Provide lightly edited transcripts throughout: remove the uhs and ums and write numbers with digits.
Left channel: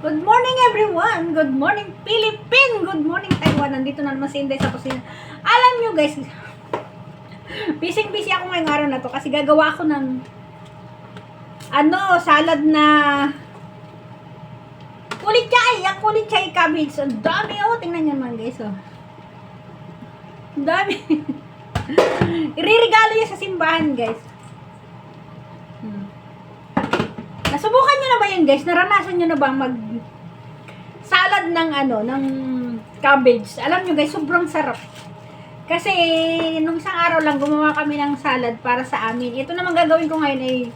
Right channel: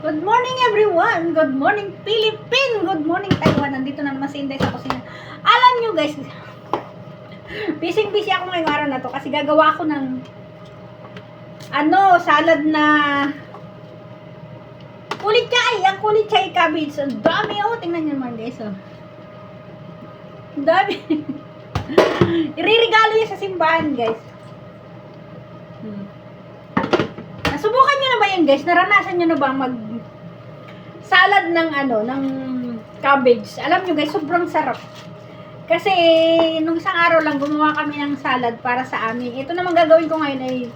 Good morning everyone! Good morning Philippines! Good morning Taiwan! Nandito na naman si Inday sa kusina. Alam nyo guys, busy ako ngayong araw na to kasi gagawa ako ng salad na kulichay. Ang kulichay cabbage. Ang dami tingnan nyo naman guys Ang dami. Iririgalo yun sa simbahan guys. Nasubukan nyo na ba yun guys? Naranasan nyo na ba mag salad ng ng cabbage? Alam nyo guys, sobrang sarap. Kasi nung isang araw lang gumawa kami ng salad para sa amin. Ito naman gagawin ko ngayon ay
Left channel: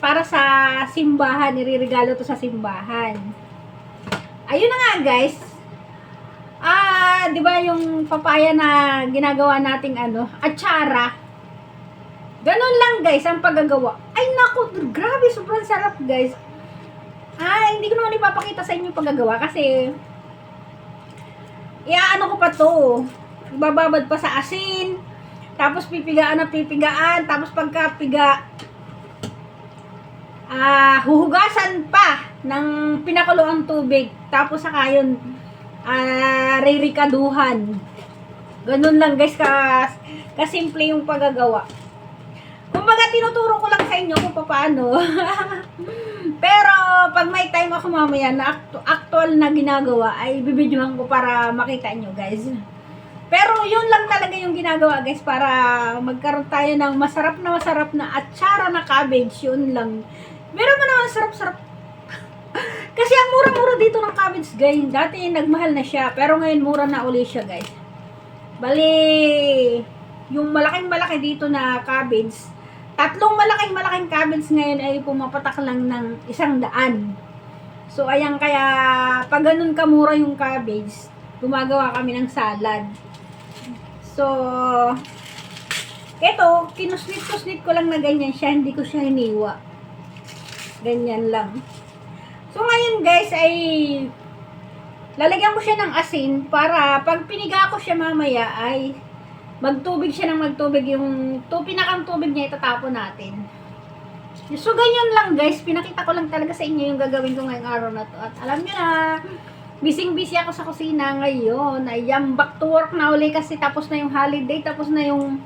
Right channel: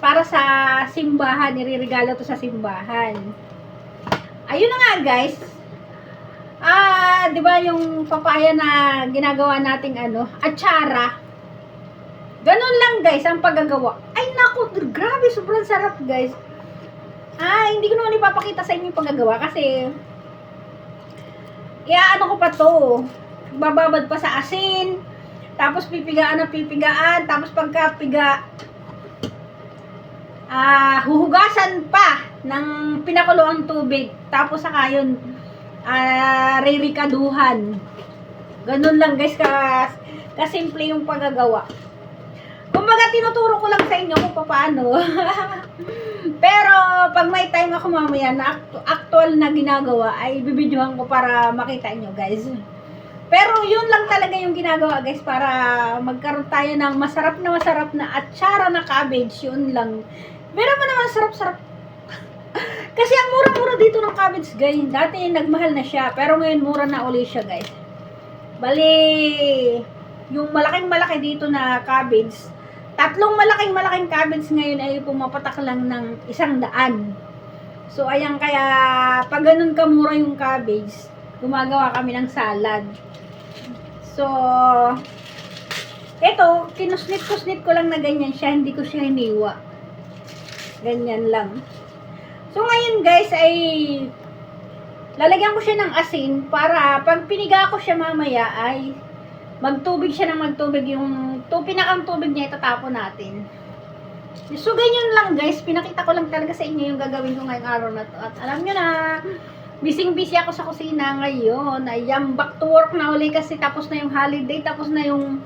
para sa simbahan. Iririgalo to sa simbahan. Ayun na nga guys. Di ba yung papaya na ginagawa nating atsara? Ganun lang guys ang paggagawa. Ay naku, grabe, sobrang sarap guys. Hindi ko naman ipapakita sa inyo yung paggagawa kasi ko pa to. Bababad pa sa asin. Tapos pipigaan na pipigaan. Tapos pagkapiga huhugasan pa ng pinakuluang tubig. Tapos saka yun ririkaduhan. Ganun lang guys kasimple yung paggagawa. Kumbaga, tinuturo ko lang sa inyo kung paano. Pero, pag may time ako mamaya na actual na ginagawa, ay bibidyohan ko para makita nyo, guys. Pero, yun lang talaga yung ginagawa, guys, para magkaroon tayo ng masarap na atsara na cabbage. Yun lang. Pero mo naman, sarap-sarap. Kasi ang mura-mura dito ng cabbage, guys. Dati, nagmahal na siya. Pero ngayon, mura na uli siya, guys. Bali, yung malaking-malaki dito na cabbage, tatlong malaking cabbage ngayon ay pumapatak lang ng 100. So, ayan, kaya pag ganun kamura yung cabbage, gumagawa kami ng salad. So, eto, kinusnit ko lang na ganyan siya, hindi ko siya hiniwa. Ganyan lang. So, ngayon guys, ay lalagyan ko siya ng asin para pag piniga ko siya mamaya ay magtubig siya ng magtubig. Yung pinakang tubig niya itatapon natin. So, ganyan lang guys. Pinakita ko lang talaga sa inyo yung gagawin ko ngayong araw na to. At alam nyo na, busy ako sa kusina ngayon. Ayan, back to work na uli kasi tapos na yung holiday. Tapos na yung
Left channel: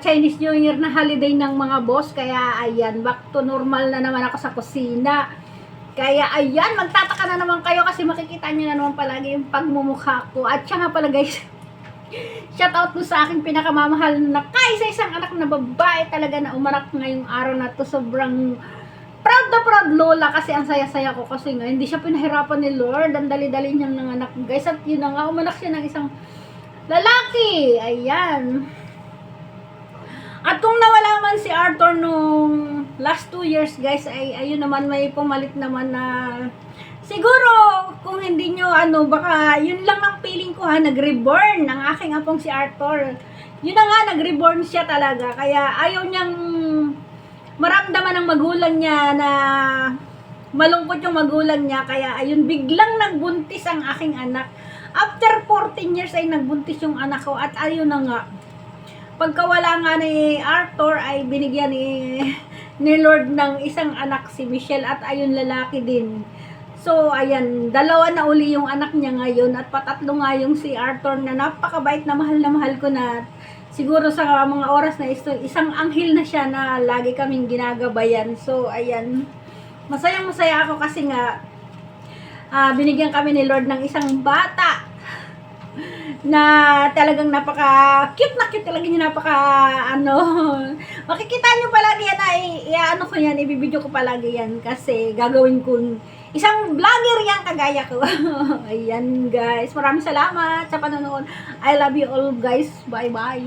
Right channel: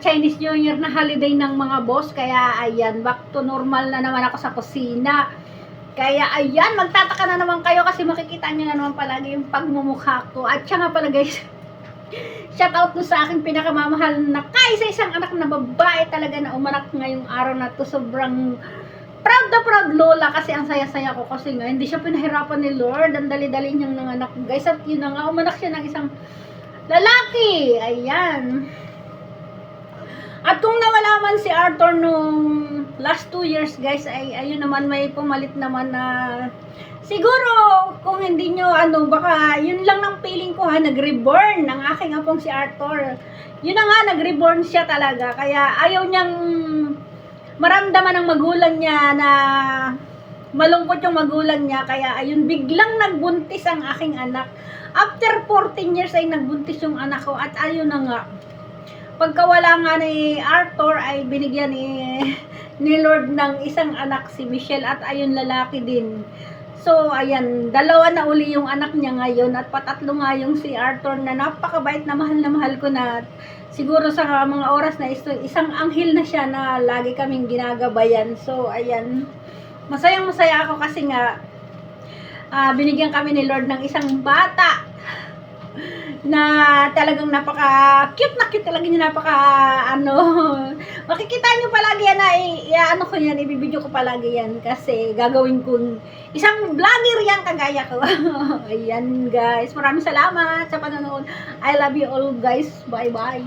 Chinese New Year na holiday ng mga boss. Kaya ayan, back to normal na naman ako sa kusina. Kaya ayan, magtataka na naman kayo kasi makikita nyo na naman palagi yung pagmumukha ko. At siya nga pala guys, shout out to sa aking pinakamamahal na kaisa-isang anak na babae talaga na umanak ngayong araw na to. Sobrang proud na proud lola kasi ang saya-saya ko kasi nga hindi siya pinahirapan ni Lord. Ang dali-dali niyang nanganak guys. At yun na nga, umanak siya ng isang lalaki. Ayan. At kung nawala man si Arthur nung last 2 years guys, ay ayun naman, may pumalit naman na siguro, kung hindi nyo, baka, yun lang ng feeling ko nag-reborn ang aking apong si Arthur. Yun na nga, nag-reborn siya talaga. Kaya ayaw niyang maramdaman ng magulang niya na malungkot yung magulang niya. Kaya ayun, biglang nagbuntis ang aking anak. After 14 years ay nagbuntis yung anak ko. At ayun na nga, pagkawala nga ni Arthur ay binigyan ni Lord ng isang anak, si Michelle. At ayun, lalaki din. So, ayan, dalawa na uli yung anak niya ngayon at patatlo nga yung si Arthur na napakabait na mahal ko na. Siguro sa mga oras na ito, isang anghel na siya na lagi kaming ginagabayan. So, ayan, masayang-masaya ako kasi nga binigyan kami ni Lord ng isang bata na talagang napaka-cute na cute talaga niya, makikita niyo palagi yan ko yan, ibibidyo ko palagi yan kasi gagawin ko isang vlogger yan kagaya ko. Ayan guys, maraming salamat sa panonood. I love you all guys, bye bye.